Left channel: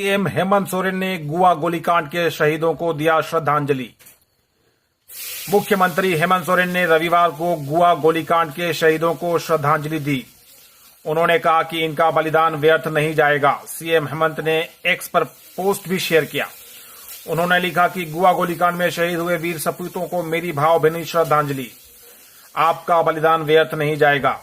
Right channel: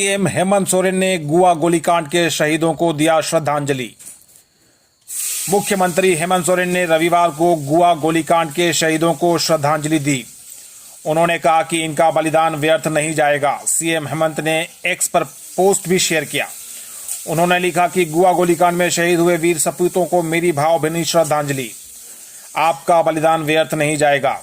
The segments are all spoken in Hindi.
सीएम हेमंत सोरेन ने गुआ गोलीकांड के शहीदों को दिया श्रद्धांजलि। मुख्यमंत्री हेमंत सोरेन ने रविवार को गुआ गोलीकांड के शहीदों को श्रद्धांजलि दी। उन्होंने कहा कि इनका बलिदान व्यर्थ नहीं जाएगा। सीएम हेमंत ने एक्स पर पोस्ट भी शेयर किया। उन्होंने लिखा कि गुआ गोलीकांड में शहीद हुए वीर सपूतों को मेरी भावभीनी श्रद्धांजलि। आपका बलिदान व्यर्थ नहीं जाएगा।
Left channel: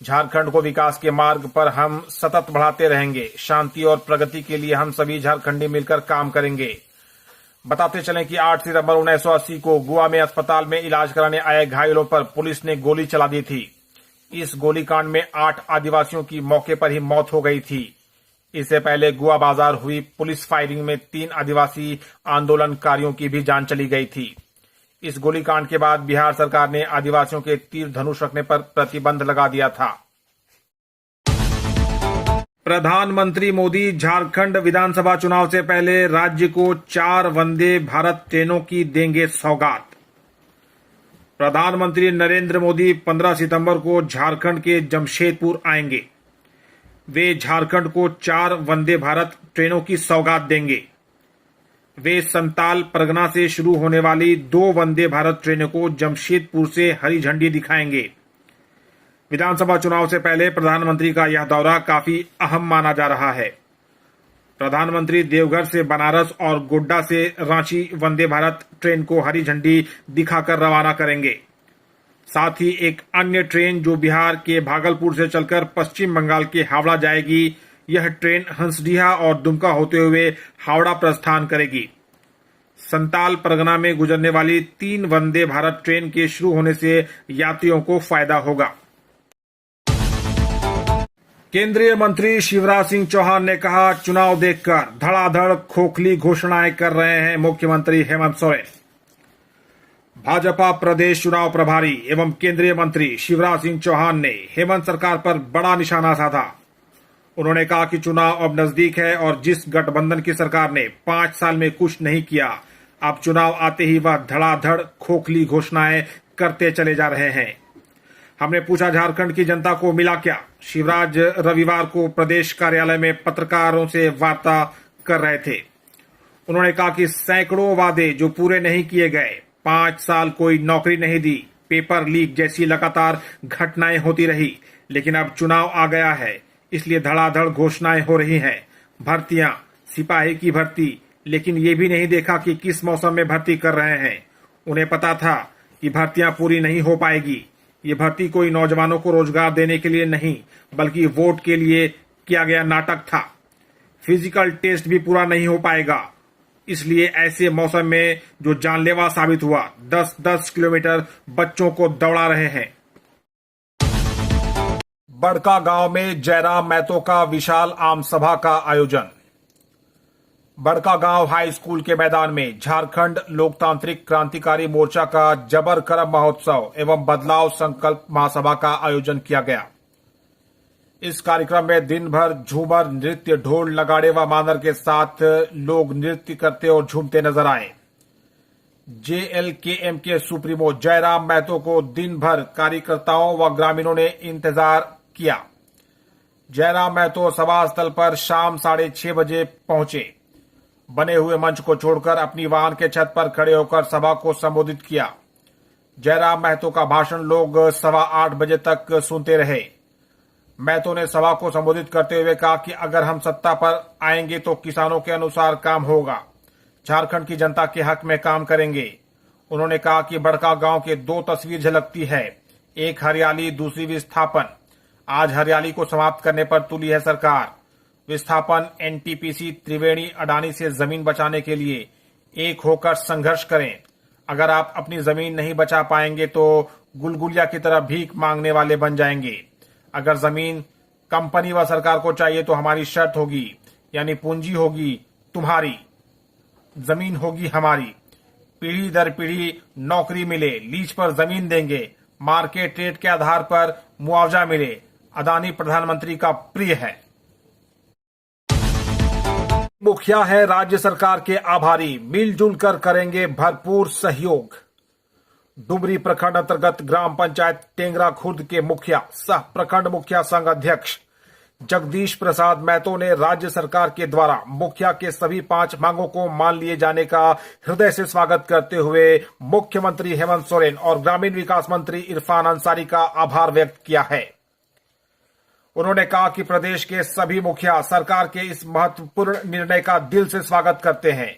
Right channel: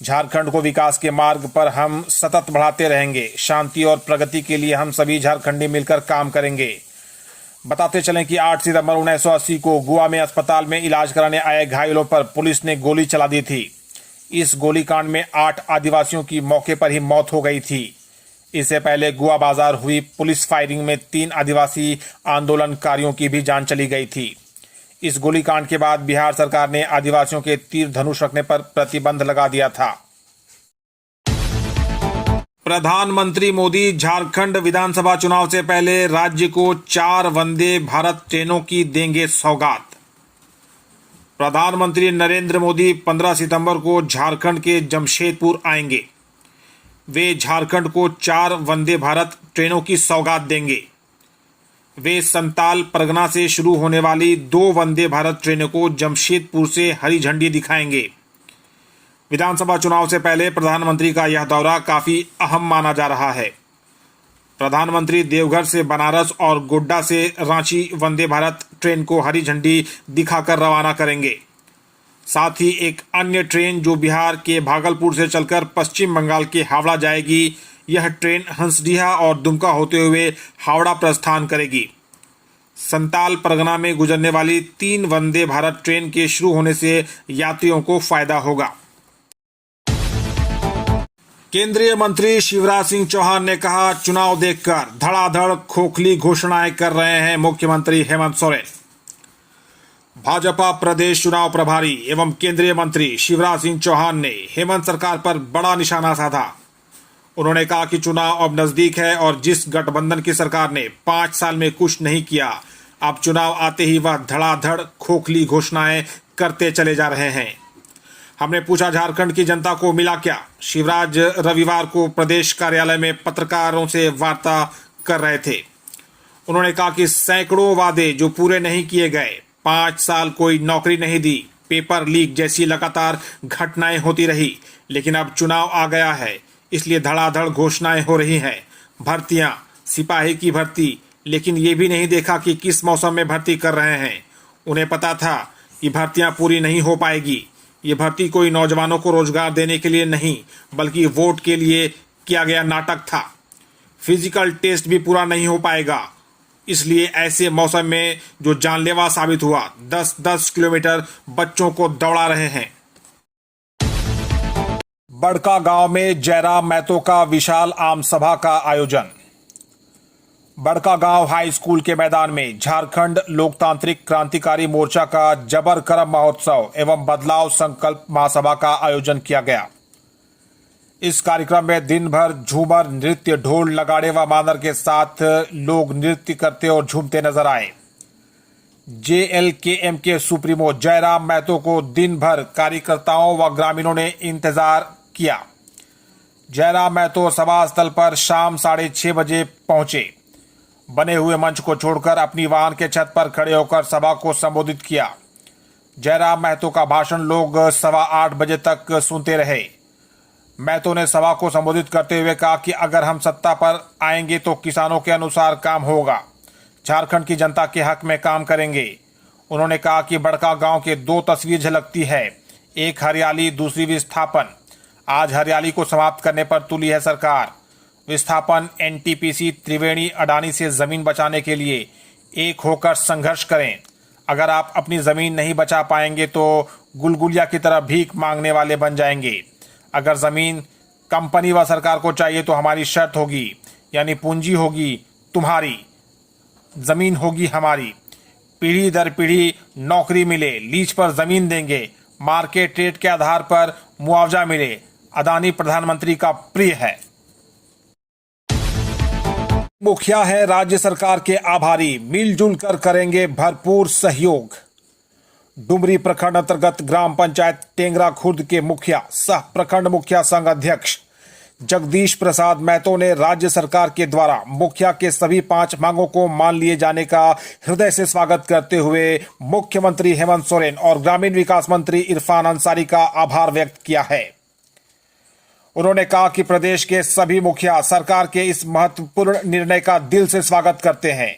झारखंड को विकास के मार्ग पर हम सतत बढ़ाते रहेंगे। शांति और प्रगति के लिए हम सभी झारखंडी मिलकर काम करेंगे। बताते चलें कि 8 सितंबर 1980 को गोवा में अस्पताल में इलाज कराने आए घायलों पर पुलिस ने गोली चला दी थी। इस गोलीकांड में 8 आदिवासियों की मौके पर ही मौत हो गई थी। इससे पहले गोवा बाजार हुई पुलिस फायरिंग में 3 आदिवासी आंदोलनकारियों की भी जान चली गई थी। इस गोलीकांड के बाद बिहार सरकार ने आदिवासियों के तीर धनुष रखने पर प्रतिबंध लगा दिया था। प्रधानमंत्री मोदी झारखंड विधानसभा चुनाव से पहले राज्य को 4 वंदे भारत ट्रेनों की देंगे सौगात। प्रधानमंत्री नरेंद्र मोदी 15 सितंबर को झारखंड के जमशेदपुर आएंगे। वे झारखंड को 4 वंदे भारत ट्रेनों की सौगात देंगे। वे संताल परगना से शुरू होने वाली 2 वंदे भारत ट्रेनों को जमशेदपुर से हरी झंडी दिखाएंगे। विधानसभा चुनाव से पहले प्रधानमंत्री का यह दौरा काफी अहम माना जा रहा है। प्रधानमंत्री देवघर से बनारस और गोड्डा से रांची वंदे भारत ट्रेन को हरी झंडी दिखाकर रवाना करेंगे। साथ ही एक अन्य ट्रेन जो बिहार के भागलपुर से चलकर पश्चिम बंगाल के हावड़ा जाएगी, यह ट्रेन हंसडीहा और दुमका होते हुए हावड़ा प्रस्थान करेगी। संताल परगना में गुजरने वाली 3 वंदे भारत ट्रेन के शुरू होने से यात्रियों को फायदा होगा। केंद्रीय मंत्री शिवराज सिंह चौहान ने कहा, चुनाव देखकर धड़ाधड़ खोखली घोषणाएं कर रहे हैं मुख्यमंत्री हेमंत सोरेन। भाजपा प्रदेश चुनाव प्रभारी एवं केंद्रीय मंत्री शिवराज सिंह चौहान ने हेमंत सरकार पर बड़ा निशाना साधा। उन्होंने कहा कि चुनाव अब नजदीक है और जिस गठबंधन की सरकार ने 5 साल में कुछ नहीं किया, अब चुनाव आते ही वह धड़ाधड़ खोखली घोषणाएं करते चले जा रहे हैं। हमने पूछा, झारखंड की जनता को मिला क्या? शिवराज रविवार को प्रदेश कार्यालय में पत्रकारों से वार्ता कर रहे थे। उन्होंने कहा कि सैकड़ों वादे जो पूरे नहीं किए गए, 5 साल कोई नौकरी नहीं दी, पेपर लीक जैसी लगातार घटनाएं होती रही, लेकिन अब चुनाव आ गया है, इसलिए धड़ाधड़ घोषणाएं हो रही हैं। भर्तियां, सिपाही की भर्ती, लेकिन ये भी नहीं देखा कि किस मौसम में भर्ती कर रहे हैं। उन्हें पता था कि भर्तियां पूरी नहीं हो पाएगी। ये भर्ती कोई नौजवानों को रोजगार देने के लिए नहीं, बल्कि वोट के लिए किया गया नाटक था। फिजिकल टेस्ट भी पूरा नहीं हो पाएगा, इसलिए ऐसे मौसम में जो जानलेवा साबित हुआ, 10-10 किलोमीटर बच्चों को दौड़ा रहे हैं। बड़का गांव में जयराम महतो का विशाल आम सभा का आयोजन। बड़का गांव हाई स्कूल के मैदान में झारखंड लोकतांत्रिक क्रांतिकारी मोर्चा का जबर करम महोत्सव एवं बदलाव संकल्प महासभा का आयोजन किया गया। इस कार्यक्रम में दिन भर झूमर, नृत्य, ढोल, नगाड़े व मानर के साथ लोग नृत्य करते और झूमते नजर आए। JLKM के सुप्रीमो जयराम महतो को दिन भर कार्यकर्ताओं व ग्रामीणों ने इंतजार किया। जयराम महतो सभा स्थल पर शाम 6:30 बजे पहुंचे। बने हुए मंच को छोड़कर अपनी वाहन के छत पर खड़े होकर सभा को संबोधित किया। जयराम महतो का भाषण लोग 8:15 बजे तक सुनते रहे। महतो ने सभा को संबोधित करते हुए कहा कि अगर हम सत्ता पर आएंगे तो किसानों के अनुसार काम होगा, झारखंड की जनता के हक में काम करेंगे। उन्होंने कहा कि बड़का गांव के 2 तस्वीर झलकती है, एक हरियाली, दूसरी विस्थापन। आज हरियाली को समाप्त करने पर तुली है सरकार। विस्थापन, NTPC, त्रिवेणी, अडानी से जमीन बचाने के लिए एक होकर संघर्ष करें। अगर आप अपनी जमीन नहीं बचा पाएंगे तो गुलगुलिया की तरह भीख मांगने वाले बन जाएंगे। अगर जमीन कंपनी व सरकार को चाहिए तो हमारी शर्त होगी, यानी पूंजी होगी तुम्हारी, जमीन होगी हमारी। पीढ़ी दर पीढ़ी नौकरी मिले, लीज पर जमीन देंगे, मार्केट रेट के आधार पर मुआवजा मिले। अदानी प्रधानमंत्री का प्रिय है। मुखिया है राज्य सरकार के आभारी, मिलजुल कर करेंगे भरपूर सहयोग। डुमरी प्रखंड अंतर्गत ग्राम पंचायत टेंगरा खुर्द के मुखिया सह प्रखंड मुखिया संघ अध्यक्ष जगदीश प्रसाद महतो ने राज्य सरकार के द्वारा मुखिया के सभी 5 मांगों को मान लिए जाने का हृदय से स्वागत करते हुए मुख्यमंत्री हेमंत सोरेन और ग्रामीण विकास मंत्री इरफान अंसारी का आभार व्यक्त किया है। उन्होंने कहा कि प्रदेश के सभी मुखिया सरकार के इस महत्वपूर्ण निर्णय का दिल से स्वागत करते हैं।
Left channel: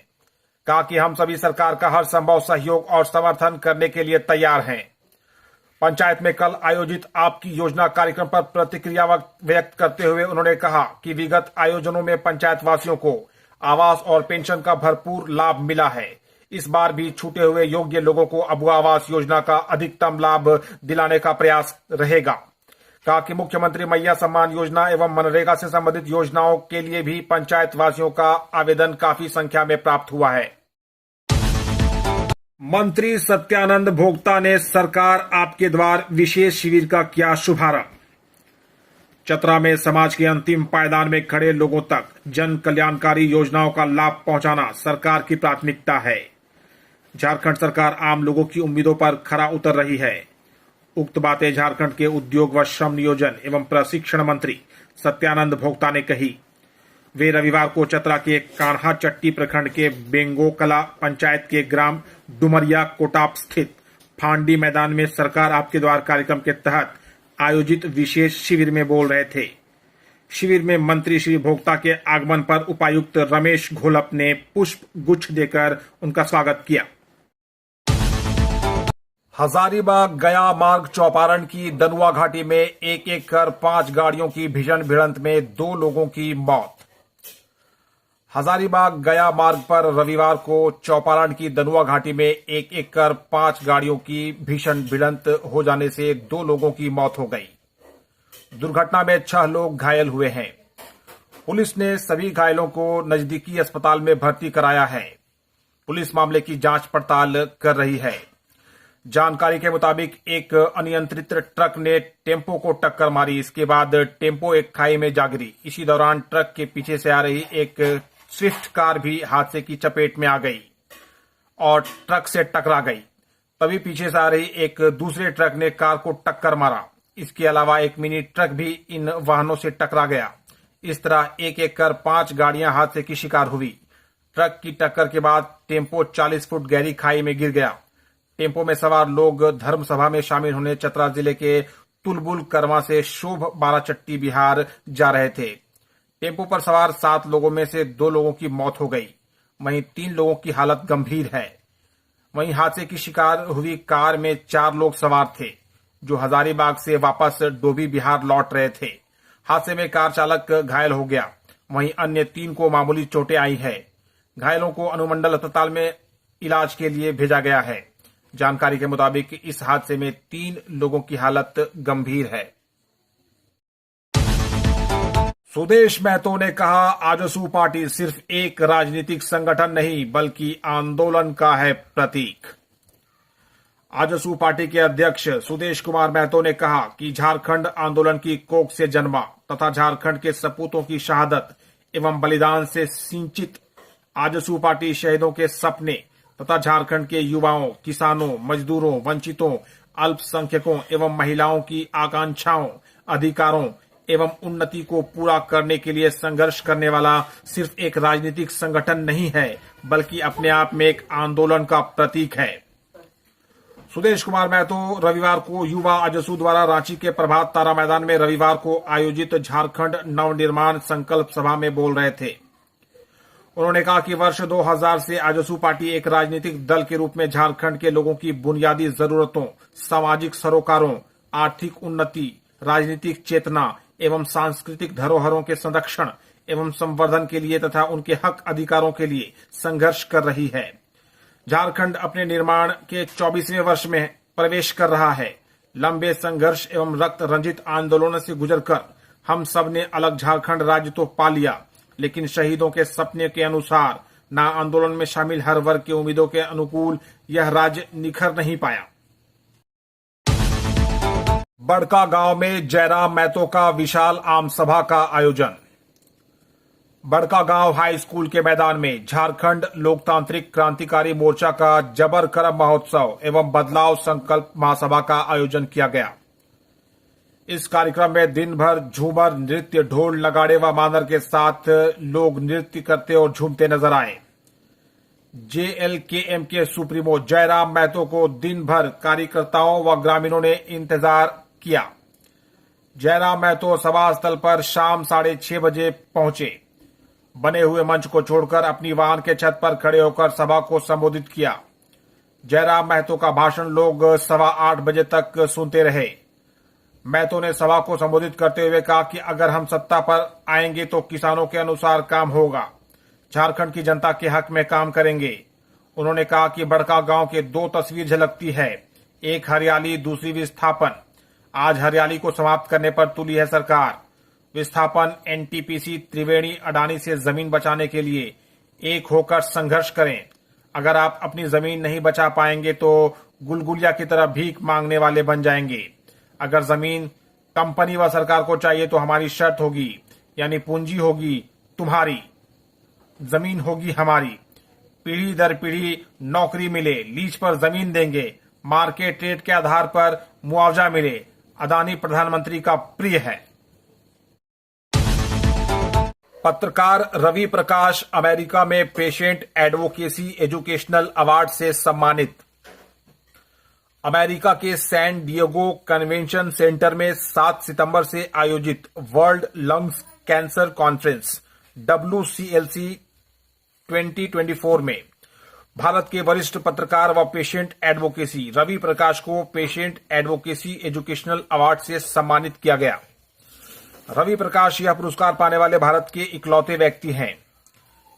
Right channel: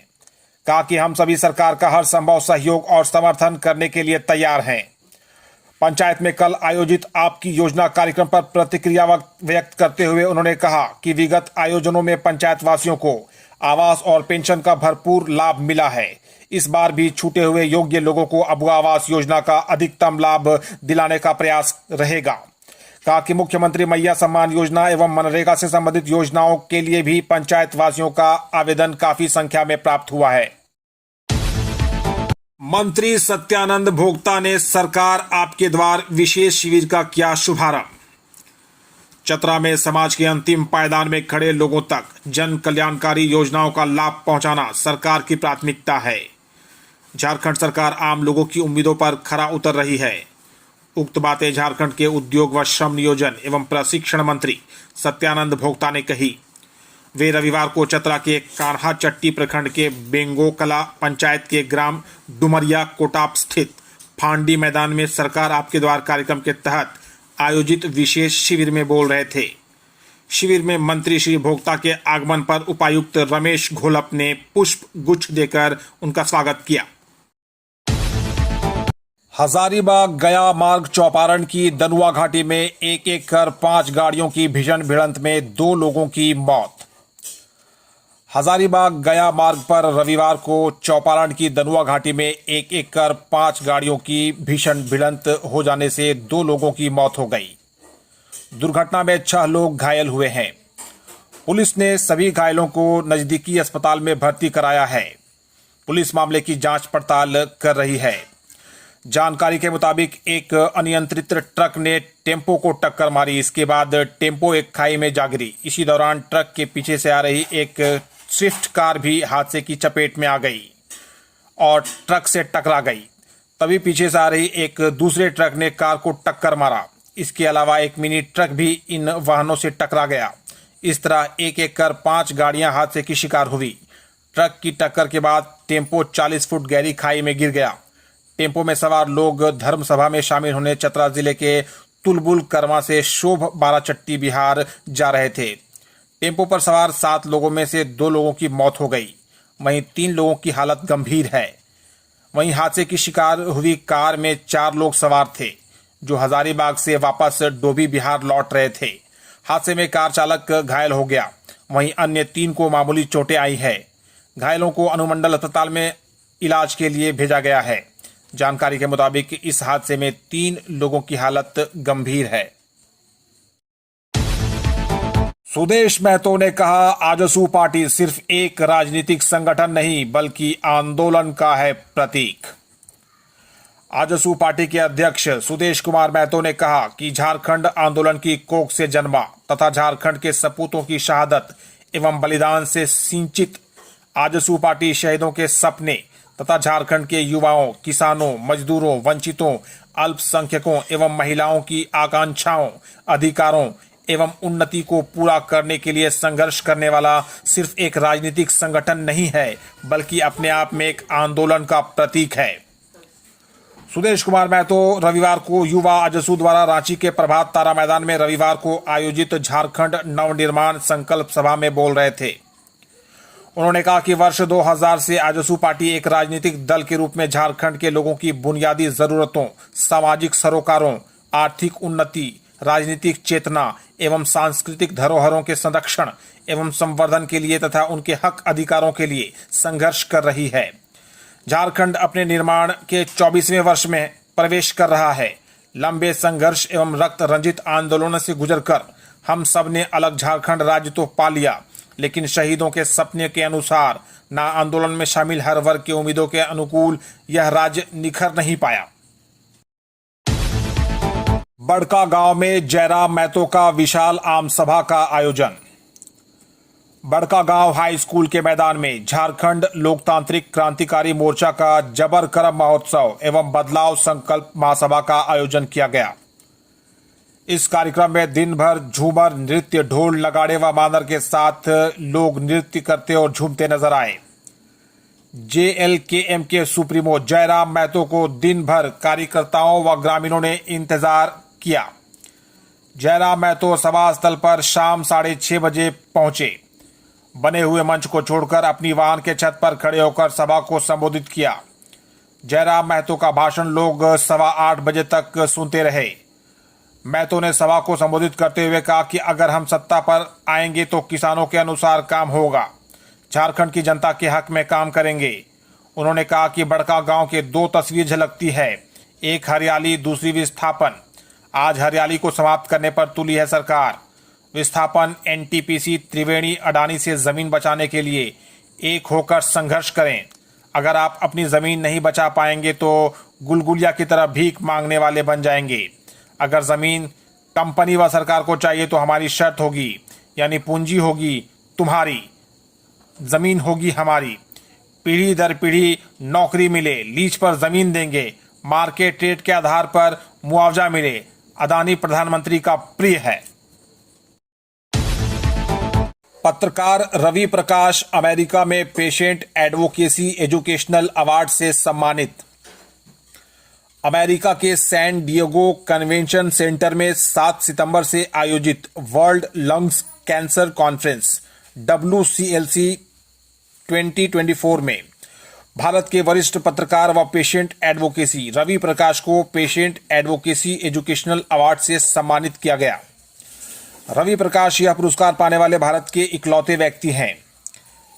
कहा कि हम सभी सरकार का हर संभव सहयोग और समर्थन करने के लिए तैयार हैं। पंचायत में कल आयोजित आपकी योजना कार्यक्रम पर प्रतिक्रिया व्यक्त करते हुए उन्होंने कहा कि विगत आयोजनों में पंचायत वासियों को आवास और पेंशन का भरपूर लाभ मिला है। इस बार भी छूटे हुए योग्य लोगों को अब आवास योजना का अधिकतम लाभ दिलाने का प्रयास रहेगा। कहा कि मुख्यमंत्री मैया सम्मान योजना एवं मनरेगा से संबंधित योजनाओं के लिए भी पंचायत वासियों का आवेदन काफी संख्या में प्राप्त हुआ है। मंत्री सत्यानंद भोक्ता ने सरकार आपके द्वार विशेष शिविर का किया शुभारंभ। चतरा में समाज के अंतिम पायदान में खड़े लोगों तक जन कल्याणकारी योजनाओं का लाभ पहुंचाना सरकार की प्राथमिकता है। झारखंड सरकार आम लोगों की उम्मीदों पर खरा उतर रही है। उक्त बातें झारखंड के उद्योग व श्रम नियोजन एवं प्रशिक्षण मंत्री सत्यानंद भोक्ता ने कही। वे रविवार को चतरा के कान्हा चट्टी प्रखंड के बेंगोकला पंचायत के ग्राम डुमरिया कोटाप स्थित फांडी मैदान में सरकार आपके द्वार कार्यक्रम के तहत आयोजित विशेष शिविर में बोल रहे थे। शिविर में मंत्री श्री भोक्ता के आगमन पर उपायुक्त रमेश घोलप ने पुष्प गुच्छ देकर उनका स्वागत किया। हजारीबाग गया मार्ग चौपारण की दनुआ घाटी में एक कर 5 गाड़ियों की भीषण भिड़ंत में 2 लोगों की मौत। हजारीबाग गया मार्ग पर रविवार को चौपारण की दनुआ घाटी में एक कर 5 गाड़ियों की भीषण भिड़ंत हो जाने से 2 लोगों की मौत हो गई। दुर्घटना में 6 लोग घायल हुए हैं। पुलिस ने सभी घायलों को नजदीकी अस्पताल में भर्ती कराया है। पुलिस मामले की जांच पड़ताल कर रही है। जानकारी के मुताबिक एक अनियंत्रित ट्रक ने टेम्पो को टक्कर मारी। इसके बाद टेम्पो एक खाई में जा गिरी। इसी दौरान ट्रक के पीछे से आ रही एक स्विफ्ट कार भी हादसे की चपेट में आ गई और ट्रक से टकरा गई। तभी पीछे से आ रही एक दूसरे ट्रक ने कार को टक्कर मारा। इसके अलावा एक मिनी ट्रक भी इन वाहनों से टकरा गया। इस तरह एक कर 5 गाड़ियां हादसे की शिकार हुई। ट्रक की टक्कर के बाद टेम्पो 40 फुट गहरी खाई में गिर गया। टेम्पो में सवार लोग धर्म सभा में शामिल होने चतरा जिले के तुलबुल कर्मा से शोभ बाराचट्टी बिहार जा रहे थे। टेम्पो पर सवार 7 लोगों में से 2 लोगों की मौत हो गई। वहीं 3 लोगों की हालत गंभीर है। वहीं हादसे की शिकार हुई कार में 4 लोग सवार थे जो हजारीबाग से वापस डोभी बिहार लौट रहे थे। हादसे में कार चालक घायल हो गया। वहीं अन्य 3 को मामूली चोटें आई है। घायलों को अनुमंडल अस्पताल में इलाज के लिए भेजा गया है। जानकारी के मुताबिक इस हादसे में 3 लोगों की हालत गंभीर है। सुदेश महतो ने कहा, आजसू पार्टी सिर्फ एक राजनीतिक संगठन नहीं बल्कि आंदोलन का है प्रतीक। आजसू पार्टी के अध्यक्ष सुदेश कुमार महतो ने कहा कि झारखंड आंदोलन की कोख से जन्मा तथा झारखंड के सपूतों की शहादत एवं बलिदान से सिंचित आजसू पार्टी शहीदों के सपने तथा झारखंड के युवाओं, किसानों, मजदूरों, वंचितों, अल्पसंख्यकों एवं महिलाओं की आकांक्षाओं, अधिकारों एवं उन्नति को पूरा करने के लिए संघर्ष करने वाला सिर्फ एक राजनीतिक संगठन नहीं है बल्कि अपने आप में एक आंदोलन का प्रतीक है। सुदेश कुमार महतो रविवार को युवा आजसू द्वारा रांची के प्रभात तारा मैदान में रविवार को आयोजित झारखंड नवनिर्माण संकल्प सभा में बोल रहे थे। उन्होंने कहा कि वर्ष 2000 से आजसू पार्टी एक राजनीतिक दल के रूप में झारखंड के लोगों की बुनियादी जरूरतों, सामाजिक सरोकारों, आर्थिक उन्नति, राजनीतिक चेतना एवं सांस्कृतिक धरोहरों के संरक्षण एवं संवर्धन के लिए तथा उनके हक अधिकारों के लिए संघर्ष कर रही है। झारखंड अपने निर्माण के 24वें वर्ष में प्रवेश कर रहा है। लंबे संघर्ष एवं रक्त रंजित आंदोलनों से गुजरकर हम सब ने अलग झारखंड राज्य तो पा लिया, लेकिन शहीदों के सपने के अनुसार ना आंदोलन में शामिल हर वर्ग के उम्मीदों के अनुकूल यह राज्य निखर नहीं पाया। बड़का गांव में जयराम महतो का विशाल आम सभा का आयोजन। बड़का गांव हाई स्कूल के मैदान में झारखंड लोकतांत्रिक क्रांतिकारी मोर्चा का जबर करम महोत्सव एवं बदलाव संकल्प महासभा का आयोजन किया गया। इस कार्यक्रम में दिन भर झूमर नृत्य, ढोल नगाड़े व मानर के साथ लोग नृत्य करते और झूमते नजर आए। जेएलकेएम के सुप्रीमो जयराम महतो को दिन भर कार्यकर्ताओं व ग्रामीणों ने इंतजार किया। जयराम महतो सभा स्थल पर शाम 6:30 बजे पहुंचे। बने हुए मंच को छोड़कर अपनी वाहन के छत पर खड़े होकर सभा को संबोधित किया। जयराम महतो का भाषण लोग 8:15 बजे तक सुनते रहे। महतो ने सभा को संबोधित करते हुए कहा कि अगर हम सत्ता पर आएंगे तो किसानों के अनुसार काम होगा, झारखंड की जनता के हक में काम करेंगे। उन्होंने कहा कि बड़का गांव के 2 तस्वीर झलकती है, एक हरियाली, दूसरी विस्थापन। आज हरियाली को समाप्त करने पर तुली है सरकार। विस्थापन, एनटीपीसी, त्रिवेणी, अडानी से जमीन बचाने के लिए एक होकर संघर्ष करें। अगर आप अपनी जमीन नहीं बचा पाएंगे तो गुलगुलिया की तरह भीख मांगने वाले बन जाएंगे। अगर जमीन कंपनी व सरकार को चाहिए तो हमारी शर्त होगी, यानी पूंजी होगी तुम्हारी, जमीन होगी हमारी। पीढ़ी दर पीढ़ी नौकरी मिले, लीज पर जमीन देंगे, मार्केट रेट के आधार पर मुआवजा मिले। अदानी प्रधानमंत्री का प्रिय है। पत्रकार रवि प्रकाश अमेरिका में पेशेंट एडवोकेसी एजुकेशनल अवार्ड से सम्मानित। अमेरिका के सैन डिएगो कन्वेंशन सेंटर में 7 सितंबर से आयोजित world lungs cancer conference WCLC 2024 में भारत के वरिष्ठ पत्रकार व पेशेंट एडवोकेसी रवि प्रकाश को पेशेंट एडवोकेसी एजुकेशनल अवार्ड से सम्मानित किया गया। रवि प्रकाश यह पुरस्कार पाने वाले भारत के इकलौते व्यक्ति हैं।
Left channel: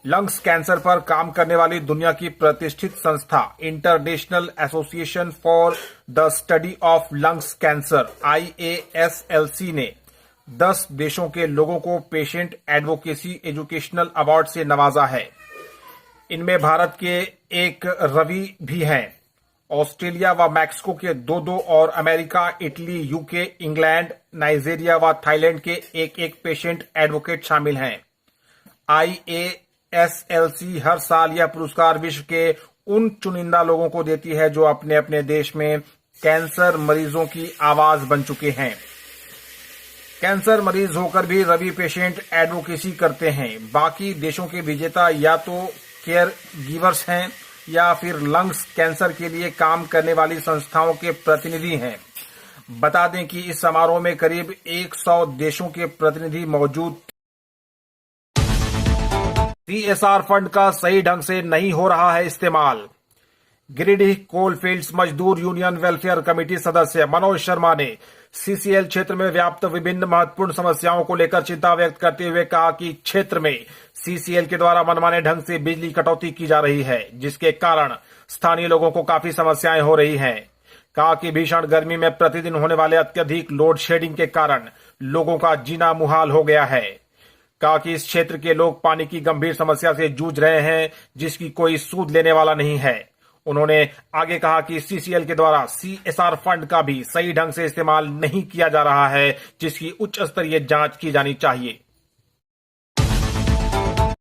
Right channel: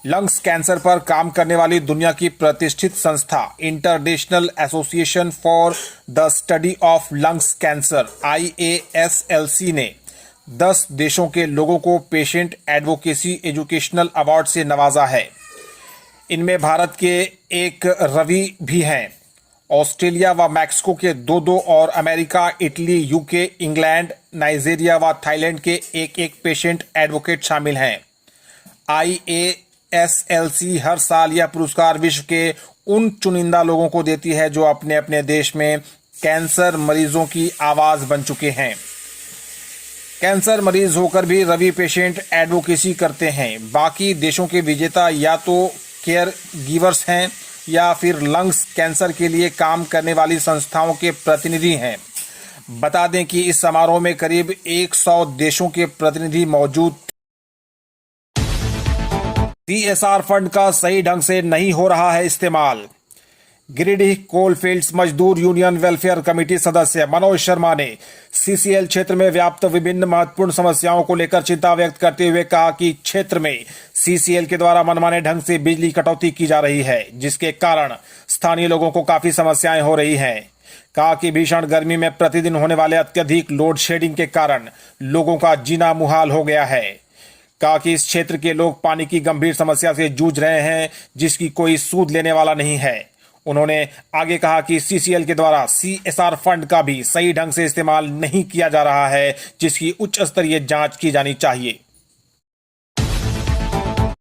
लंग्स कैंसर पर काम करने वाली दुनिया की प्रतिष्ठित संस्था international association for the study of lungs cancer IASLC ने 10 देशों के लोगों को पेशेंट एडवोकेसी एजुकेशनल अवार्ड से नवाजा है। इनमें भारत के एक रवि भी हैं। ऑस्ट्रेलिया व मैक्सिको के 2 और America, Italy, UK, England, Nigeria व थाईलैंड के एक पेशेंट एडवोकेट शामिल हैं। IASLC हर साल यह पुरस्कार विश्व के उन चुनिंदा लोगों को देती है जो अपने अपने देश में कैंसर मरीजों की आवाज बन चुके हैं। कैंसर मरीज होकर भी रवि पेशेंट एडवोकेसी करते हैं। बाकी देशों के विजेता या तो केयर गिवर्स हैं या फिर लंग्स कैंसर के लिए काम करने वाली संस्थाओं के प्रतिनिधि हैं। बता दें कि इस समारोह में करीब 100 देशों के प्रतिनिधि मौजूद। CSR फंड का सही ढंग से नहीं हो रहा है इस्तेमाल। गिरिडीह कोलफील्ड्स मजदूर यूनियन वेलफेयर कमेटी सदस्य मनोज शर्मा ने CCL क्षेत्र में व्याप्त विभिन्न महत्वपूर्ण समस्याओं को लेकर चिंता व्यक्त करते हुए कहा कि क्षेत्र में CCL के द्वारा मनमाने ढंग से बिजली कटौती की जा रही है, जिसके कारण स्थानीय लोगों को काफी समस्याएं हो रही हैं। कहा कि भीषण गर्मी में प्रतिदिन होने वाले अत्यधिक लोड शेडिंग के कारण लोगों का जीना मुहाल हो गया है। कहा कि इस क्षेत्र के लोग पानी की गंभीर समस्या से जूझ रहे हैं, जिसकी कोई सूद लेने वाला नहीं है। उन्होंने आगे कहा कि CCL के द्वारा CSR फंड का भी सही ढंग से इस्तेमाल नहीं किया जा रहा है, जिसकी उच्च स्तरीय जांच की जानी चाहिए।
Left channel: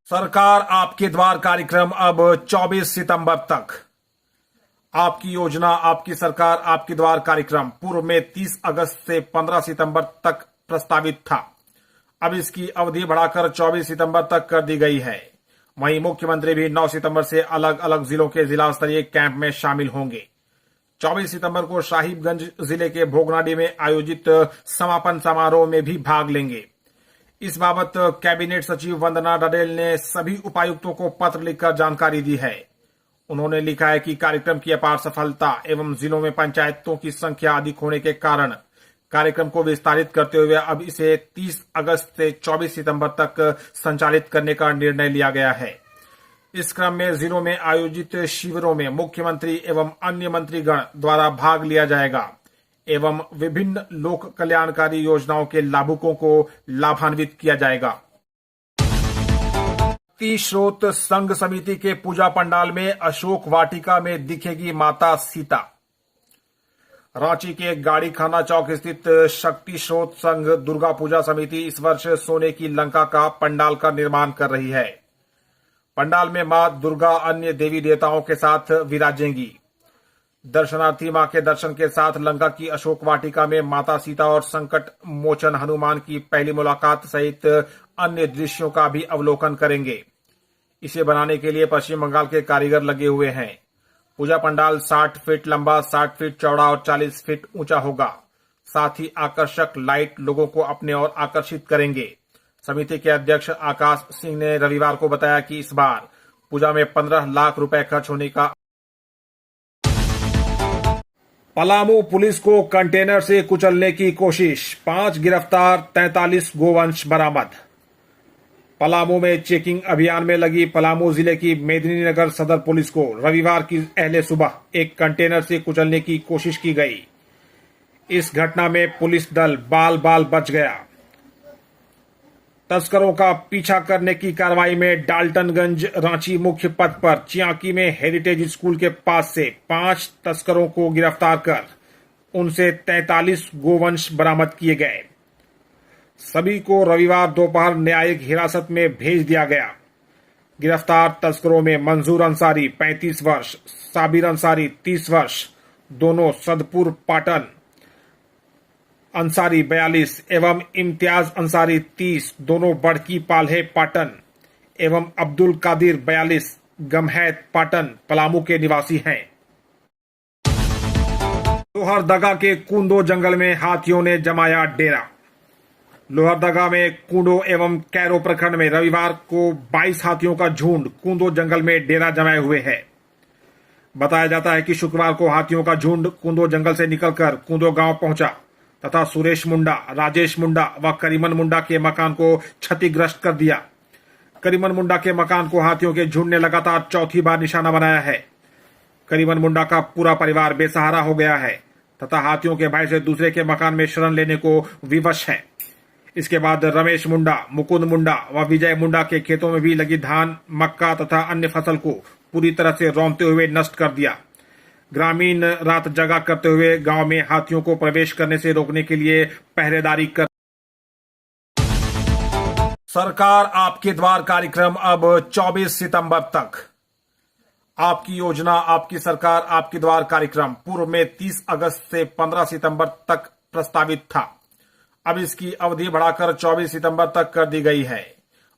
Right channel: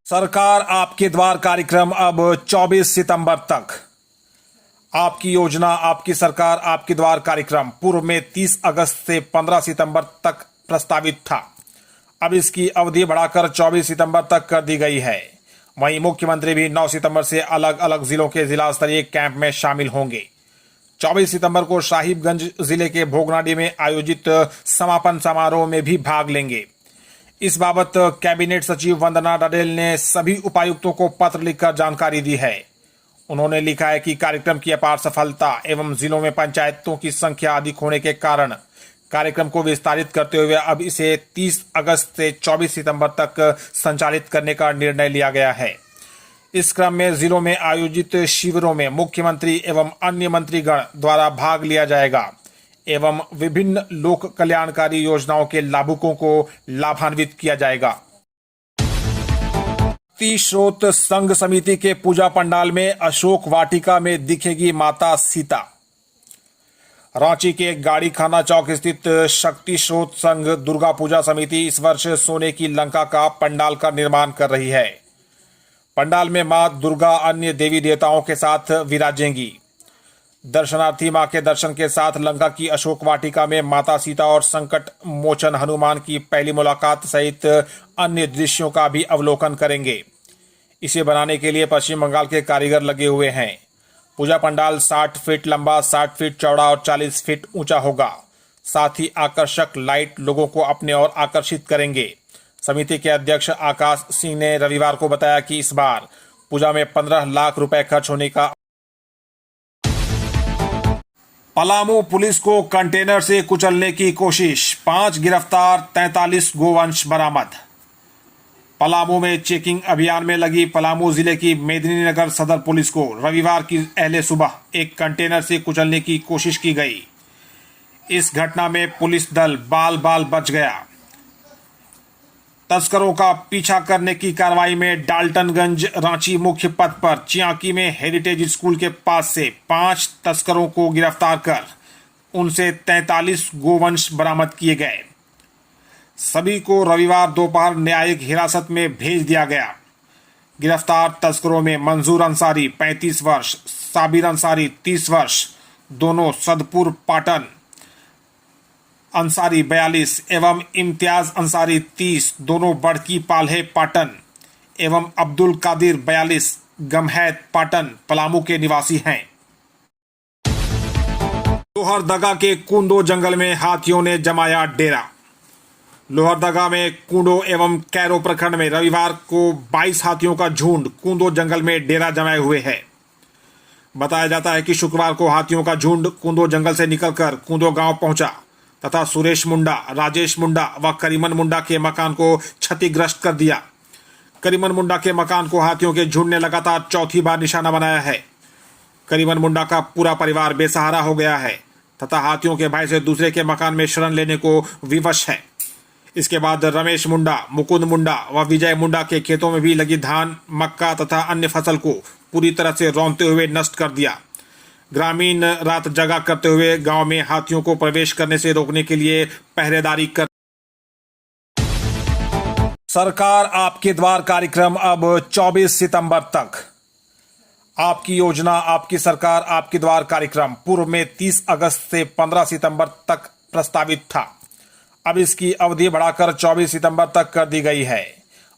सरकार आपके द्वार कार्यक्रम अब 24 सितंबर तक। आपकी योजना, आपकी सरकार, आपके द्वार कार्यक्रम पूर्व में 30 अगस्त से 15 सितंबर तक प्रस्तावित था। अब इसकी अवधि बढ़ाकर 24 सितंबर तक कर दी गई है। वहीं मुख्यमंत्री भी 9 सितंबर से अलग अलग जिलों के जिला स्तरीय कैंप में शामिल होंगे। 24 सितंबर को साहिबगंज जिले के भोगनाडी में आयोजित समापन समारोह में भी भाग लेंगे। इस बाबत कैबिनेट सचिव वंदना डडेल ने सभी उपायुक्तों को पत्र लिखकर जानकारी दी है। उन्होंने लिखा है कि कार्यक्रम की अपार सफलता एवं जिलों में पंचायतों की संख्या अधिक होने के कारण कार्यक्रम को विस्तारित करते हुए अब इसे 30 अगस्त से 24 सितंबर तक संचालित करने का निर्णय लिया गया है। इस क्रम में जिलों में आयोजित शिविरों में मुख्यमंत्री एवं अन्य मंत्रीगण द्वारा भाग लिया जाएगा एवं विभिन्न लोक कल्याणकारी योजनाओं के लाभुकों को लाभान्वित किया जाएगा। स्रोत संघ समिति के पूजा पंडाल में अशोक वाटिका में दिखेगी माता सीता। रांची के गाड़ी खाना चौक स्थित शक्ति स्रोत संघ दुर्गा पूजा समिति इस वर्ष सोने की लंका का पंडाल का निर्माण कर रही है। पंडाल में मां दुर्गा अन्य देवी देवताओं के साथ विराजेंगी। दर्शनार्थी मां के दर्शन के साथ लंका की अशोक वाटिका में माता सीता और संकट मोचन हनुमान की पहली मुलाकात सहित अन्य दृश्यों का भी अवलोकन करेंगे। इसे बनाने के लिए पश्चिम बंगाल के कारीगर लगे हुए हैं। पूजा पंडाल 60 फीट लंबा, 60 फीट चौड़ा और 40 फीट ऊंचा होगा। साथ ही आकर्षक लाइट लोगों को अपने ओर आकर्षित करेंगे। समिति के अध्यक्ष आकाश सिंह ने रविवार को बताया कि इस बार पूजा में 15 लाख रुपए खर्च होने का। पलामू पुलिस को कंटेनर से कुचलने की कोशिश, 5 गिरफ्तार, 43 गोवंश बरामद। पलामू में चेकिंग अभियान में लगी पलामू जिले की मेदिनीनगर सदर पुलिस को रविवार की अहले सुबह एक कंटेनर से कुचलने की कोशिश की गई। इस घटना में पुलिस दल बाल बाल बच गया। तस्करों का पीछा करने की कार्रवाई में डाल्टनगंज रांची मुख्य पथ पर चियांकी में हेरिटेज स्कूल के पास से 5 तस्करों को गिरफ्तार कर उनसे 43 गोवंश बरामद किए गए। सभी को रविवार दोपहर न्यायिक हिरासत में भेज दिया गया। गिरफ्तार तस्करों में मंजूर अंसारी 35 वर्ष, साबिर अंसारी 30 वर्ष, दोनों सदपुर पाटन, अंसारी 42 एवं इम्तियाज अंसारी 30, दोनों बड़की पाल्हे पाटन एवं अब्दुल कादिर 42 गमहैत पाटन पलामू के निवासी हैं। लोहरदगा के कुंदो जंगल में हाथियों ने जमाया डेरा। लोहरदगा में कुंडो एवं कैरो प्रखंड में रविवार को 22 हाथियों का झुंड कुंदो जंगल में डेरा जमाए हुए है। बताया जाता है कि शुक्रवार को हाथियों का झुंड कुंदो जंगल से निकलकर कुंदो गांव पहुंचा तथा सुरेश मुंडा, राजेश मुंडा व करीमन मुंडा के मकान को क्षतिग्रस्त कर दिया। करीमन मुंडा के मकान को हाथियों के झुंड ने लगातार चौथी बार निशाना बनाया है। करीमन मुंडा का पूरा परिवार बेसहारा हो गया है तथा हाथियों के भय से दूसरे के मकान में शरण लेने को विवश है। इसके बाद रमेश मुंडा, मुकुंद मुंडा व विजय मुंडा के खेतों में भी लगी धान, मक्का तथा अन्य फसल को पूरी तरह से रौंदते हुए नष्ट कर दिया। ग्रामीण रात जगा करते हुए गांव में हाथियों को प्रवेश करने से रोकने के लिए पहरेदारी कर। सरकार आपके द्वार कार्यक्रम अब 24 सितंबर तक। आपकी योजना, आपकी सरकार, आपके द्वार कार्यक्रम पूर्व में 30 अगस्त से 15 सितंबर तक प्रस्तावित था। अब इसकी अवधि बढ़ाकर 24 सितंबर तक कर दी गई है।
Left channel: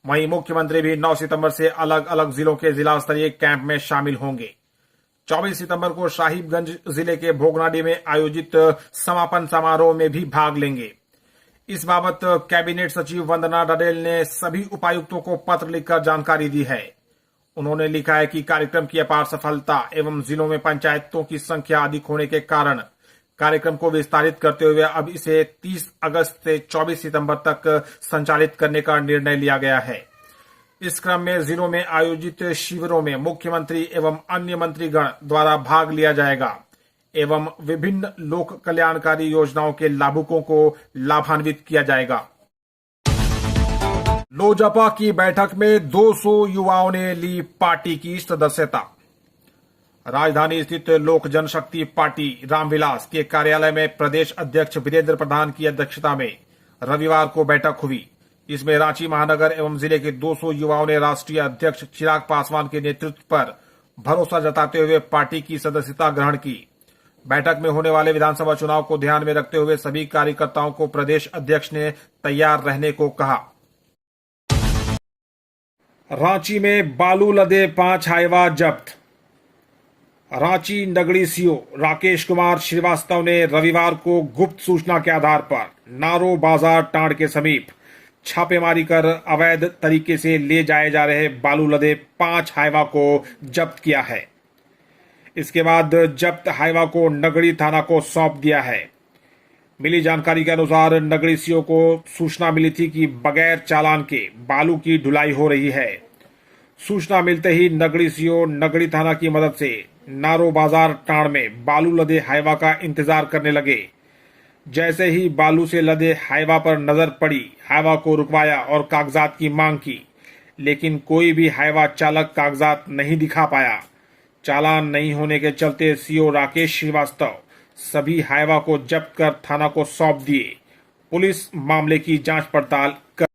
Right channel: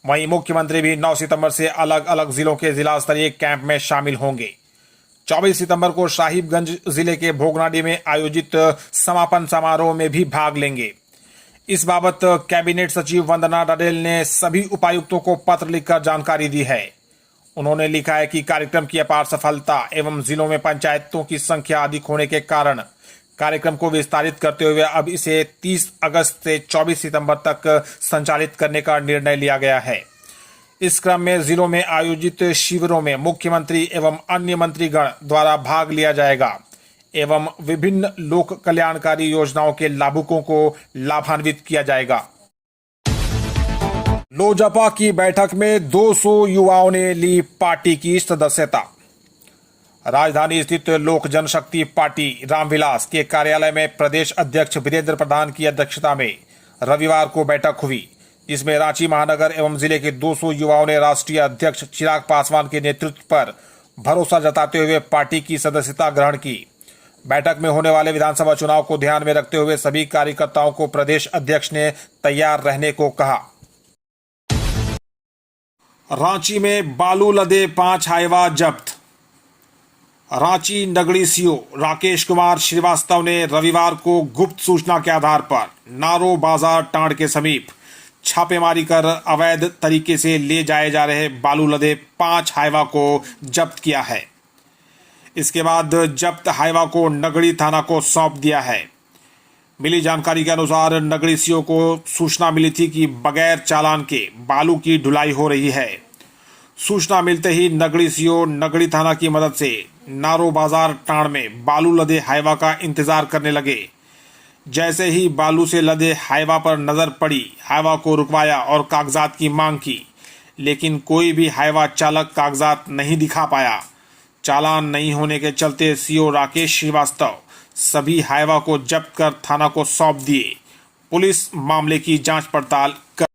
वहीं मुख्यमंत्री भी 9 सितंबर से अलग अलग जिलों के जिला स्तरीय कैंप में शामिल होंगे। 24 सितंबर को साहिबगंज जिले के भोगनाडी में आयोजित समापन समारोह में भी भाग लेंगे। इस बाबत कैबिनेट सचिव वंदना डडेल ने सभी उपायुक्तों को पत्र लिखकर जानकारी दी है। उन्होंने लिखा है कि कार्यक्रम की अपार सफलता एवं जिलों में पंचायतों की संख्या अधिक होने के कारण कार्यक्रम को विस्तारित करते हुए अब इसे 30 अगस्त से 24 सितंबर तक संचालित करने का निर्णय लिया गया है। इस क्रम में जिलों में आयोजित शिविरों में मुख्यमंत्री एवं अन्य मंत्रीगण द्वारा भाग लिया जाएगा एवं विभिन्न लोक कल्याणकारी योजनाओं के लाभुकों को लाभान्वित किया जाएगा। लोजपा की बैठक में 200 युवाओं ने ली पार्टी की सदस्यता। राजधानी स्थित लोक जनशक्ति पार्टी रामविलास के कार्यालय में प्रदेश अध्यक्ष वीरेंद्र प्रधान की अध्यक्षता में रविवार को बैठक हुई, जिसमें रांची महानगर एवं जिले के 200 युवाओं ने राष्ट्रीय अध्यक्ष चिराग पासवान के नेतृत्व पर भरोसा जताते हुए पार्टी की सदस्यता ग्रहण की। बैठक में होने वाले विधानसभा चुनाव को ध्यान में रखते हुए सभी कार्यकर्ताओं को प्रदेश अध्यक्ष ने तैयार रहने को कहा। रांची में बालू लदे 5 हाइवा जब्त। रांची नगरी सीओ राकेश कुमार श्रीवास्तव ने रविवार को गुप्त सूचना के आधार पर नारो बाजार टांड के समीप छापेमारी कर अवैध तरीके से ले जाए जा रहे बालू लदे 5 हाइवा को जब्त किया है। इसके बाद जब्त हाइवा को नगरी थाना को सौंप दिया है। मिली जानकारी के अनुसार नगरी सीओ को सूचना मिली थी कि बगैर चालान के बालू की ढुलाई हो रही है। सूचना मिलते ही नगरी सीओ नगरी थाना की मदद से नारो बाजार टांड में बालू लदे हाइवा का इंतजार करने लगे। जैसे ही बालू से लदे हाइवा पर नजर पड़ी, हाइवा को रुकवाया और कागजात की मांग की, लेकिन कोई भी हाइवा चालक कागजात नहीं दिखा पाया। चालान नहीं होने के चलते सीओ राकेश श्रीवास्तव सभी हाइवा को जब्त कर थाना को सौंप दिए। पुलिस मामले की जांच पड़ताल कर